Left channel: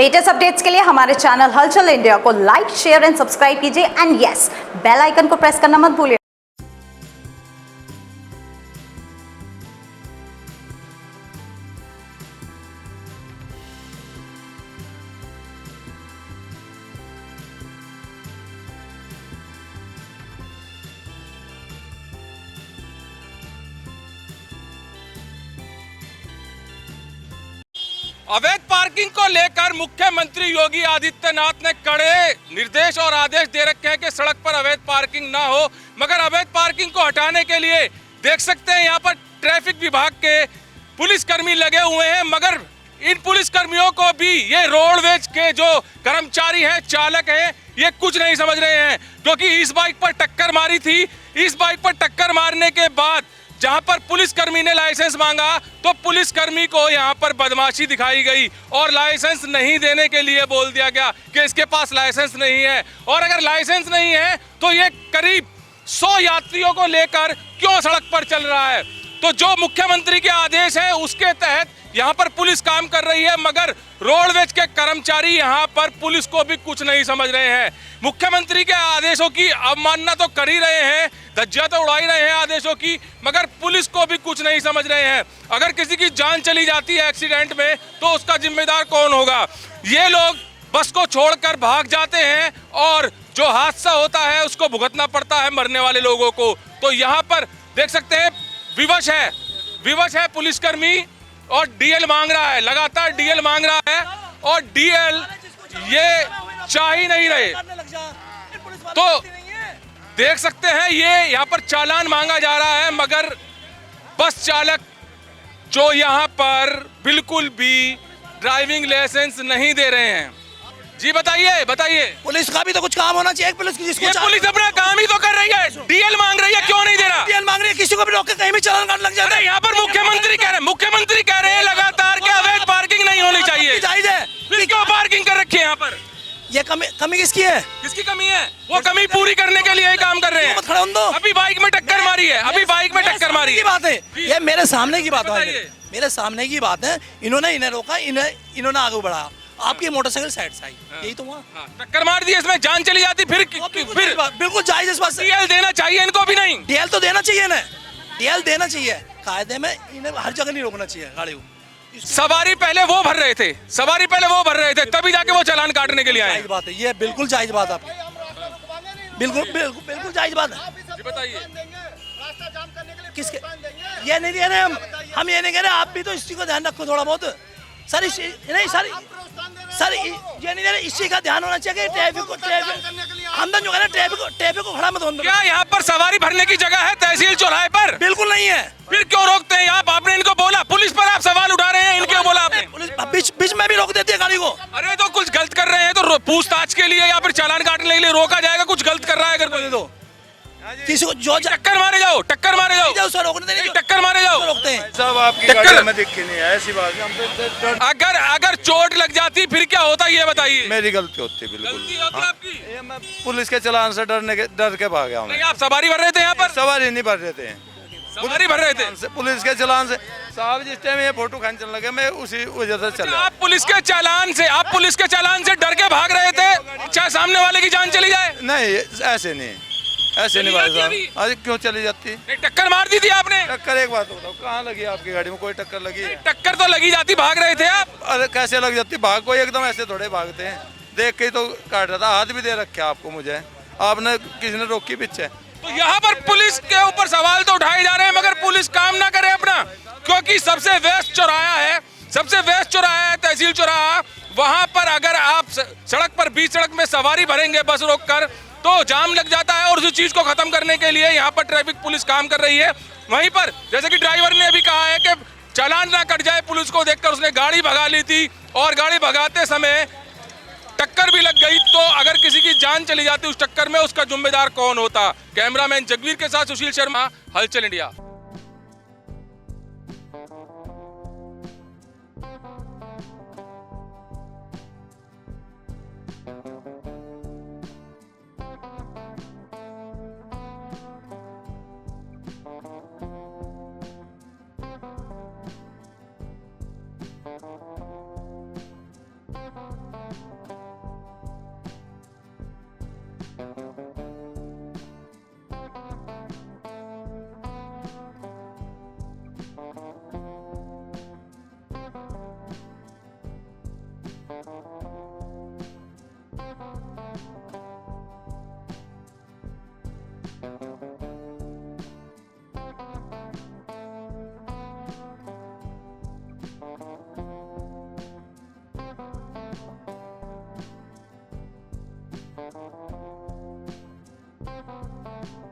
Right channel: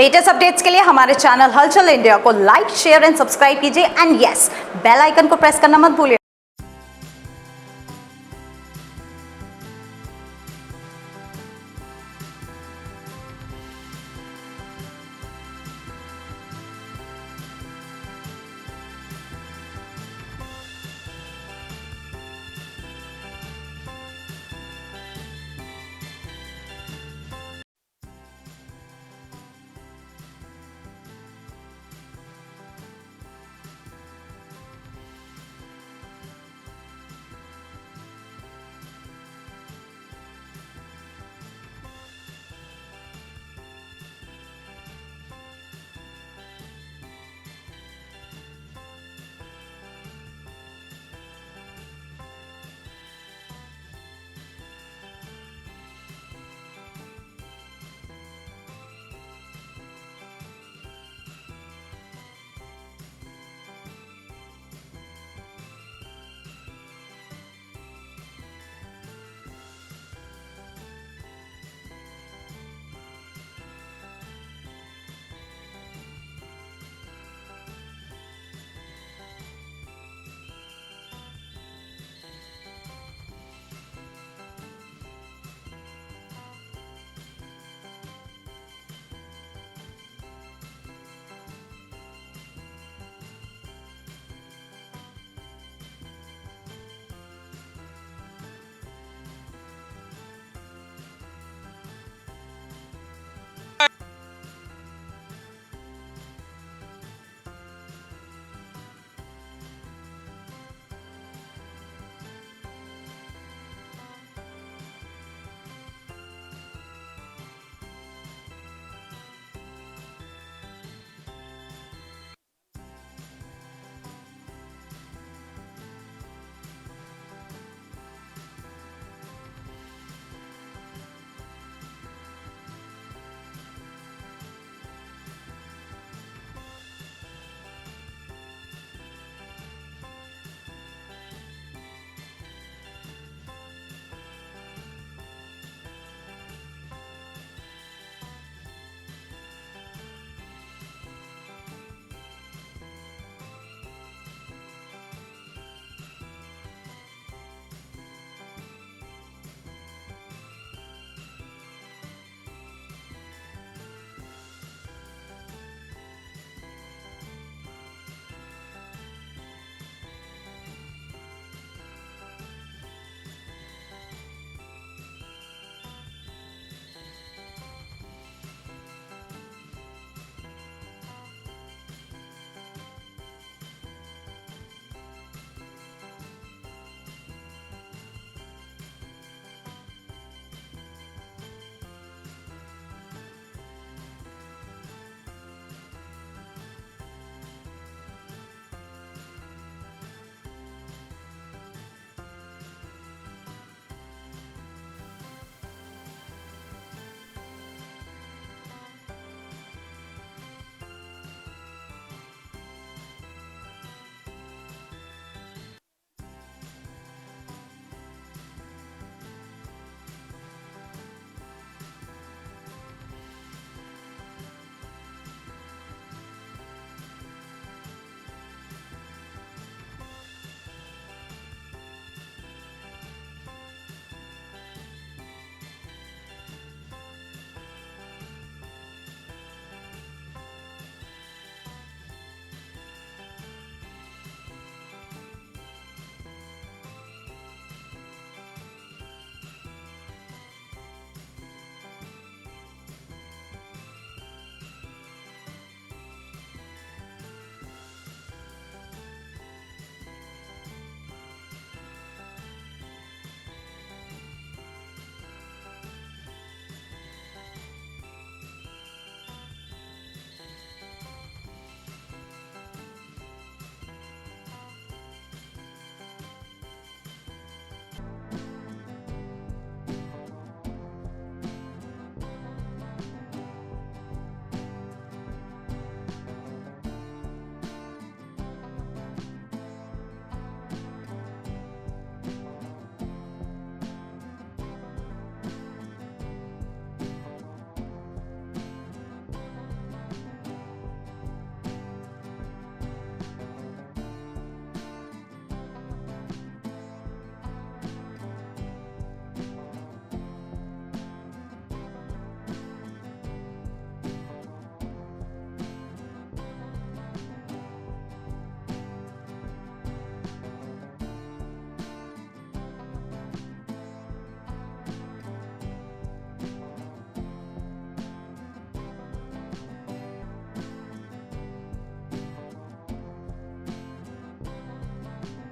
Latest updates के लिए हमारे चैनल हलचल इंडिया को लाइक, शेयर एंड सब्सक्राइब कीजिए एंड यस, बेल आइकन को प्रेस करना मत भूलिए। अवैध पार्किंग को लेकर मुख्यमंत्री योगी आदित्यनाथ ने कड़े निर्देश और आदेश दे रखे हैं कि सड़क पर अवैध पार्किंग ना हो। मगर अवैध पार्किंग को हटाने के लिए देख सकते हैं यहाँ पर ट्रैफिक विभाग के पुलिसकर्मी लगे हुए हैं, मगर इन पुलिसकर्मियों को भी ये रोडवेज के जो कर्मचारी हैं, चालक हैं, ये कुछ नहीं समझ रहे हैं, क्योंकि इस बाइक पर टक्कर मारी थी। इस बाइक पर टक्कर मारने के बाद जहां पर पुलिसकर्मी ने लाइसेंस मांगा तो पुलिसकर्मी को यहां पर बदमाशी दिखाई गई और लाइसेंस नहीं देने के लिए बोल दिया गया कि इसके पास लाइसेंस नहीं है। और अगर लाइसेंस नहीं है तो ये करीब 100 यात्रियों को लेकर क्यों सड़क पर चल रहा है। तो जो मुख्यमंत्री के आदेश है उसके तहत यहाँ पर पुलिस काम कर रही है, मगर रोडवेज के कर्मचारी यहाँ पर पुलिस को भी कुछ नहीं समझ रहे हैं। मुख्यमंत्री के आदेशों की अवमानना तो कर ही रहे हैं, धज्जियां तो उड़ा ही रहे हैं आदेशों की, मगर पुलिस को भी कुछ नहीं समझ रहे हैं। अगर किसी की जान चली जाती है एक्सीडेंट में तो उसका जिम्मेदार कौन होगा। ये लोग बस को छोड़कर भाग जाते हैं और जो हादसा होता है उसको भुगतना पड़ता है मरने वाले लोगों को। तो यहाँ पर देख सकते हैं विवश है पुलिसकर्मी और डीएल मांग रहा है, लगातार डीएल मांग रहा है और डीएल ये चाह ही नहीं रहे। तो देख सकते हैं ये यहाँ पर चालान मांगा जा रहा है, मगर बस चालक जो यहाँ पर बिल्कुल भी ड्राइविंग लाइसेंस नहीं दे रहे हैं। जी बताइए पुलिस का भी तो कुछ काम होना चाहिए। पुलिस पुलिस अपना काम ही तो कर रही है, डीएल मांग रही है, क्यों नहीं दे रहा। डीएल मांग रही है, किसी को भी रोक के कहीं भी चालान काट लग जाता है। यहाँ पर मुख्यमंत्री कह रहे हैं लगातार कि अवैध पार्किंग नहीं होनी चाहिए। जायज है, फिर क्यों पार्किंग कर रखी है यहाँ पर। ये कमी किसकी है? किसकी कमी है? वो कमी पूरी करने के लिए ही काम कर रहे हैं। खड़े हों दो। अभी बाइक में टक्कर मारी है, बात है ये, मेरे सामने की बात है, मेरे सामने की बात है। इन्होंने रोका, इन्होंने आगे बढ़ाया, आपकी मोटरसाइकिल साइड से आई, यही तो हुआ। टक्कर मार दी, इसमें जान चली जाती फिर बिल्कुल जायज इस बात से। डीएल देना चाहिए इनको भी नहीं। डीएल तो देना चाहिए ना, डीएल देना चाहिए कायदे में। इन्हें हर जगह नहीं रोकना चाहिए गाड़ी को। सवारी पहले वो भर रहे थे, तभी जाके वो चालान काटने के लिए आए। जायज बात है ये, बिल्कुल जायज बात है आपकी, बिल्कुल जायज बात है। बताइए किसके ये नहीं कह रहे हम ये नहीं कह रहे, आप भी तो इस चीज को ध्यान रखो थोड़ा बहुत सर। सर ये नहीं कह रहे, इस चीज का ध्यान होना चाहिए कि ट्रैफिक हमदन जो है ना, ट्रैफिक को खड़ा मत होने दो। क्या यहाँ पर सवारी भरने की जगह है तहसील चौराहे पर? बिल्कुल नहीं है। फिर क्यों रोकते हैं आप? आपने इनको बोला, पुलिस पर आप सवाल उठा रहे हैं, इनके बोला आपने? पुलिस बीच में भी रोक देती है गाड़ी को। अरे तो कुछ गलत कर रहे हैं तो पूछताछ के लिए या फिर चालान काटने के लिए रोका जाएगा। कुछ गलत कर रहा है अगर कोई तो किसी को जो टक्कर मारे जाओ सर, रोकने देने टक्कर मारे जाओ, रोकते हैं सब आपकी गाड़ी में दिक्कत नहीं है, ऐसी बात है। अगर चोट लग जाती फिर क्या होता ये बताइए। मेरी गलती होती है, बिल्कुल गलती होती आपकी। ये मैं पुलिस के चालान से डर के भाग गया हूँ। नहीं, आप सवारी भर रहे थे यहाँ पर? सवारी नहीं भर रहे थे, सवारी भर रहे थे पुलिस के चालान से। साहब जिस टाइम ये फोटो खींचने लगे मैं उसी वजह से चला। आप पुलिस के चालान से डर के भाग रहे थे, चाहे सामने वाले की जान चली जाए। नहीं ऐसे नहीं भाई साहब, आज क्यों चली जाती। टक्कर मार दी थी आपने? टक्कर एक बात बताओ, कहाँ लगी आपकी गाड़ी में? कोई टक्कर लगी है? टक्कर तो लगी जाती, भाग रहे थे आप। अरे कैसे लग जाती? भाग कोई एकदम ऐसे थोड़े भागते हैं, देख के तो काट रहा था। हाथ भी दे रखे आपको, मुझे आपने किसी ने रोकी पीछे। तो यहाँ पर पुलिस के ऊपर सवाल तो उठाए जा रहे हैं, मगर पुलिस काम ना करे अपना, क्योंकि सबसे व्यस्त चौराहा है तहसील चौराहा। वहां पर अगर आप सड़क पर बीच सड़क में सवारी भरेंगे बस रोककर तो जाम लग जाता है, और उस चीज को खत्म करने के लिए यहाँ पर ट्रैफिक पुलिस काम कर रही है। वहीं पर जैसे कि ड्राइवर ने अभी कहा है कि चालान ना कट जाए, पुलिस को देखकर उसने गाड़ी भगा ली थी और गाड़ी भगाते समय टक्कर भी लग गई। तो अगर किसी की जान चली जाती उस टक्कर में, उसका जिम्मेदार कौन होता। कैमरामैन जगवीर के साथ सुशील शर्मा, हलचल इंडिया।